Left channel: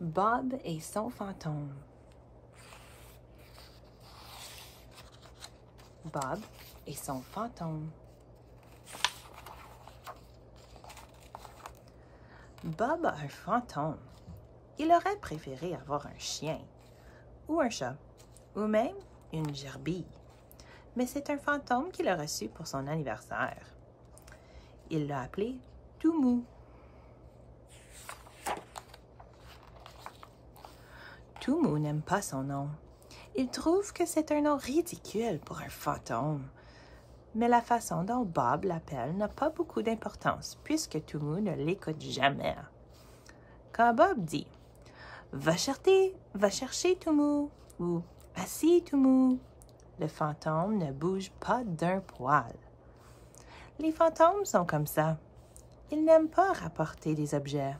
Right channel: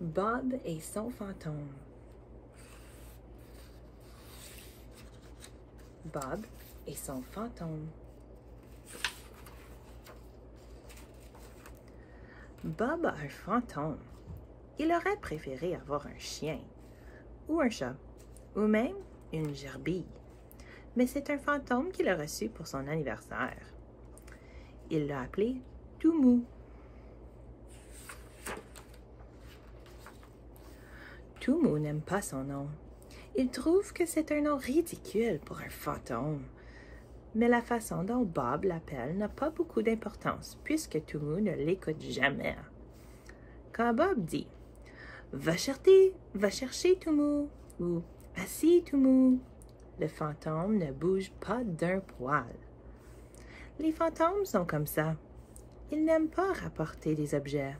Bob et son fantôme. Bob et son fantôme. Bob a un fantôme. Il aurait préféré avoir un chien, ou un chat, ou même une gerbille. Mais c'est un fantôme qu'il a reçu pour son anniversaire. Il l'a appelé Toumou. Toumou n'aime pas son nom. Il trouve que c'est un nom ridicule pour un fantôme. Mais la façon dont Bob l'appelle n'a pas beaucoup d'importance, puisque Toumou ne l'écoute jamais. Quand Bob dit « Va chercher Toumou » ou « Assis Toumou », le fantôme ne bouge pas d'un poil. Les fantômes sont comme ça. Ils n'aiment pas rapporter des objets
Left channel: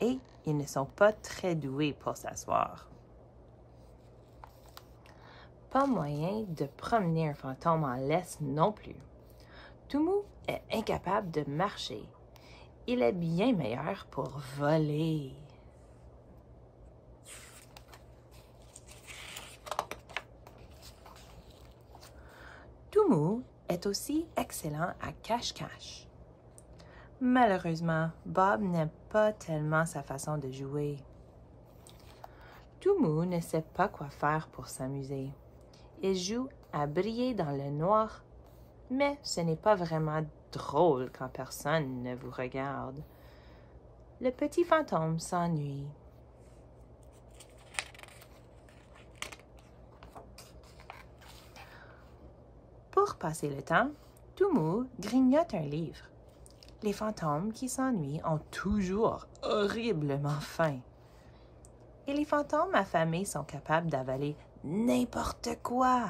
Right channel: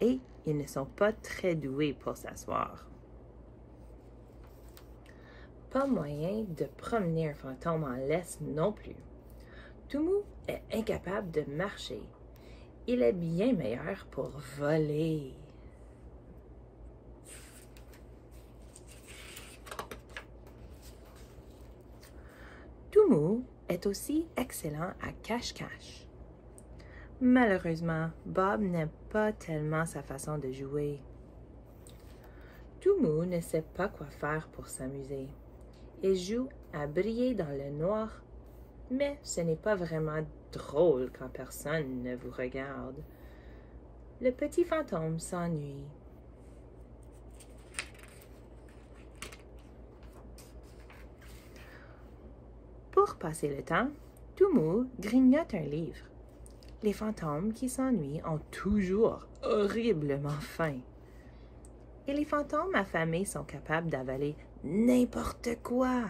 et ils ne sont pas très doués pour s'asseoir. Pas moyen de promener un fantôme en laisse non plus. Toumou est incapable de marcher. Il est bien meilleur pour voler. Toumou est aussi excellent à cache-cache. Malheureusement, Bob n'aime pas tellement sa façon de jouer. Toumou ne sait pas quoi faire pour s'amuser. Il joue à briller dans le noir, mais ce n'est pas vraiment drôle quand personne ne vous regarde. Le petit fantôme s'ennuie. Pour passer le temps, Toumou grignote un livre. Les fantômes qui s'ennuient ont toujours horriblement faim. Et les fantômes affamés sont capables d'avaler n'importe quoi.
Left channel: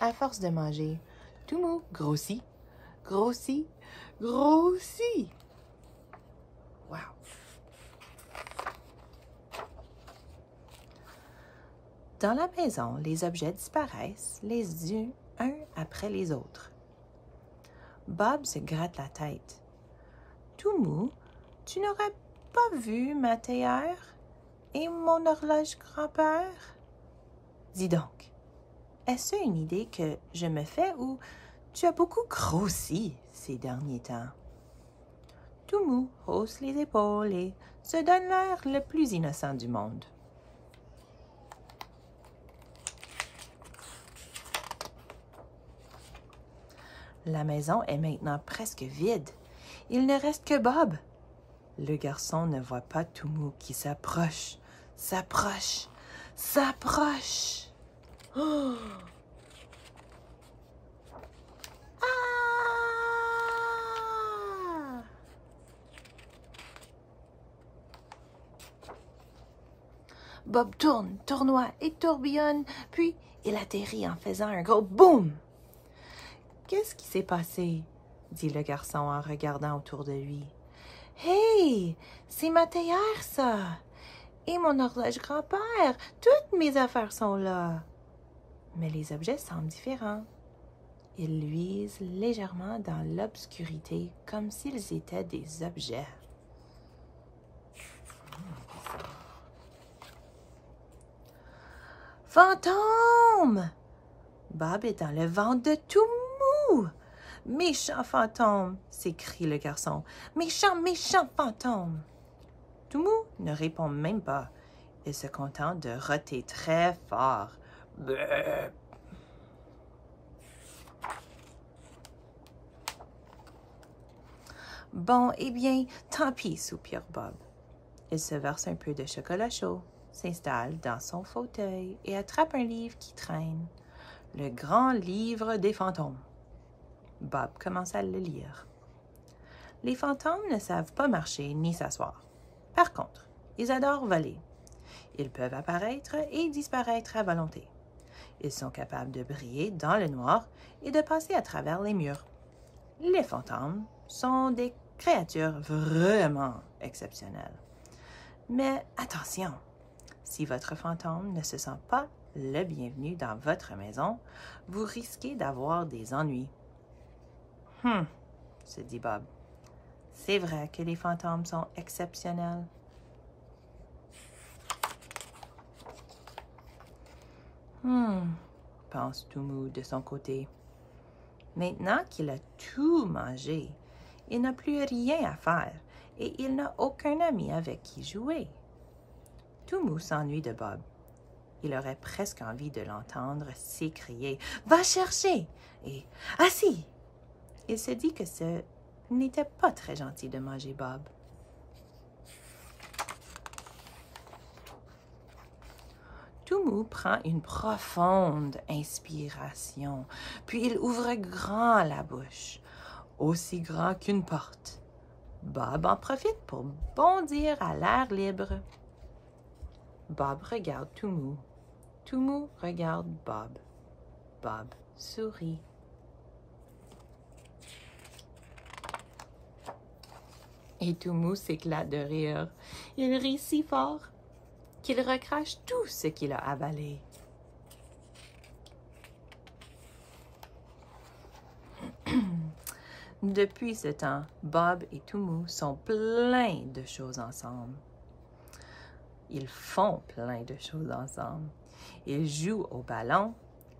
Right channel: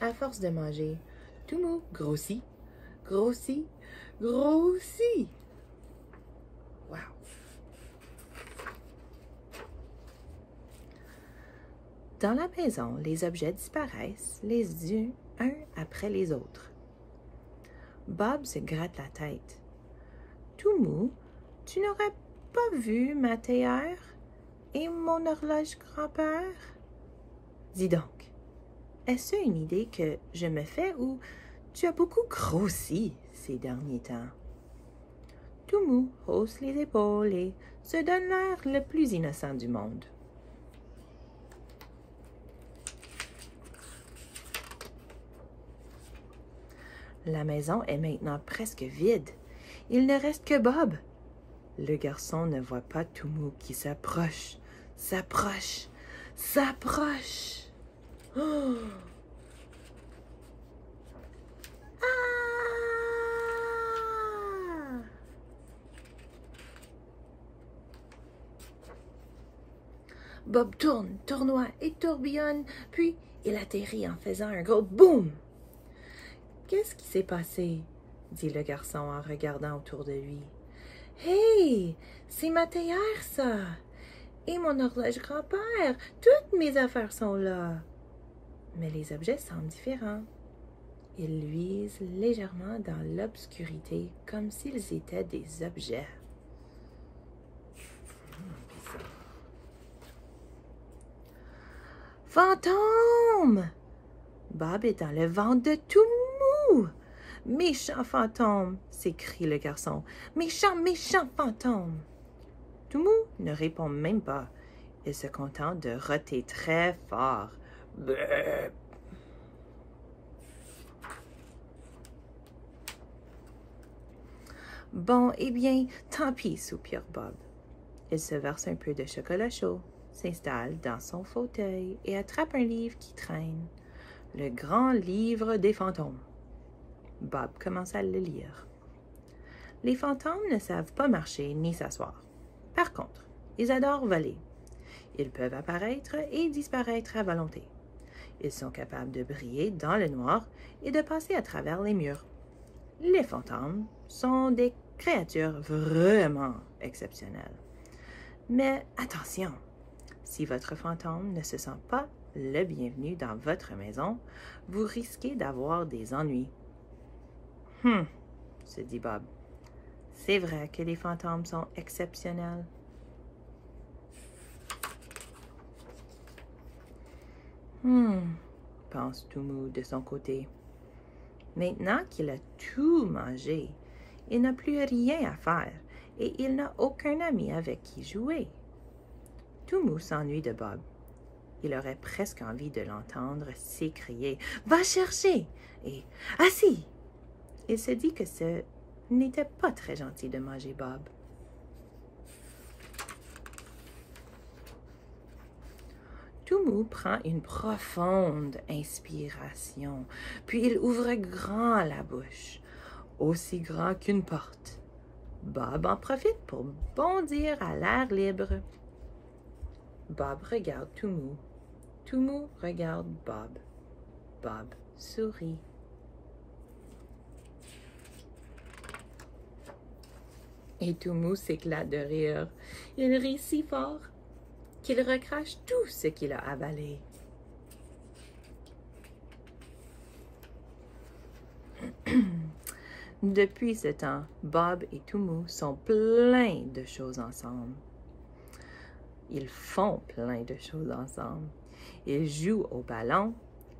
À force de manger, Toumou grossit, grossit, grossit. Wow! Dans la maison, les objets disparaissent les uns après les autres. Bob se gratte la tête. « Toumou, tu n'aurais pas vu ma théière et mon horloge grand-père? Dis donc, est-ce une idée que je me fais ou tu as beaucoup grossi ces derniers temps? » Toumou hausse les épaules et se donne l'air le plus innocent du monde. La maison est maintenant presque vide. Il ne reste que Bob. Le garçon ne voit pas Toumou qui s'approche, s'approche, s'approche. Oh! Ah! Bob tourne, tournoie et tourbillonne, puis il atterrit en faisant un gros boum. « Qu'est-ce qui s'est passé? » dit le garçon en regardant autour de lui. « Hey, c'est ma théière, ça! Et mon horloge grand-père! Toutes mes affaires sont là! » Mais les objets semblent différents. Ils luisent légèrement dans l'obscurité, comme s'ils étaient des objets. « Fantôme! » Bob est dans le ventre de Toumou. « Méchant fantôme! » s'écrie le garçon. « Méchant, méchant fantôme! » Toumou ne répond même pas. Il se contente de roter très fort. Brrr. Bon, eh bien, tant pis, soupire Bob. Il se verse un peu de chocolat chaud, s'installe dans son fauteuil et attrape un livre qui traîne. Le grand livre des fantômes. Bob commence à le lire. Les fantômes ne savent pas marcher ni s'asseoir. Par contre, ils adorent voler. Ils peuvent apparaître et disparaître à volonté. Ils sont capables de briller dans le noir et de passer à travers les murs. Les fantômes sont des créatures vraiment exceptionnelles. Mais attention, si votre fantôme ne se sent pas le bienvenu dans votre maison, vous risquez d'avoir des ennuis. Se dit Bob. C'est vrai que les fantômes sont exceptionnels. pense Toumou de son côté. Maintenant qu'il a tout mangé, il n'a plus rien à faire et il n'a aucun ami avec qui jouer. Toumou s'ennuie de Bob. Il aurait presque envie de l'entendre s'écrier « Va chercher !» et « Assis !» Il se dit que ce n'était pas très gentil de manger Bob. Toumou prend une profonde inspiration, puis il ouvre grand la bouche, aussi grand qu'une porte. Bob en profite pour bondir à l'air libre. Bob regarde Toumou. Toumou regarde Bob. Bob sourit. Et Toumou s'éclate de rire. Il rit si fort qu'il recrache tout ce qu'il a avalé. Depuis ce temps, Bob et Toumou sont pleins de choses ensemble. Ils font plein de choses ensemble. Ils jouent au ballon,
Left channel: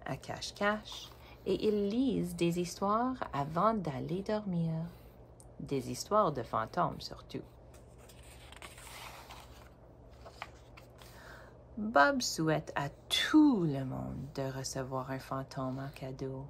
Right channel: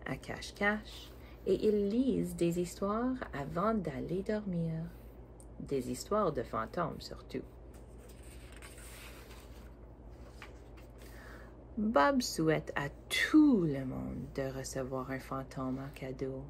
à cache-cache, et ils lisent des histoires avant d'aller dormir. Des histoires de fantômes surtout. Bob souhaite à tout le monde de recevoir un fantôme en cadeau.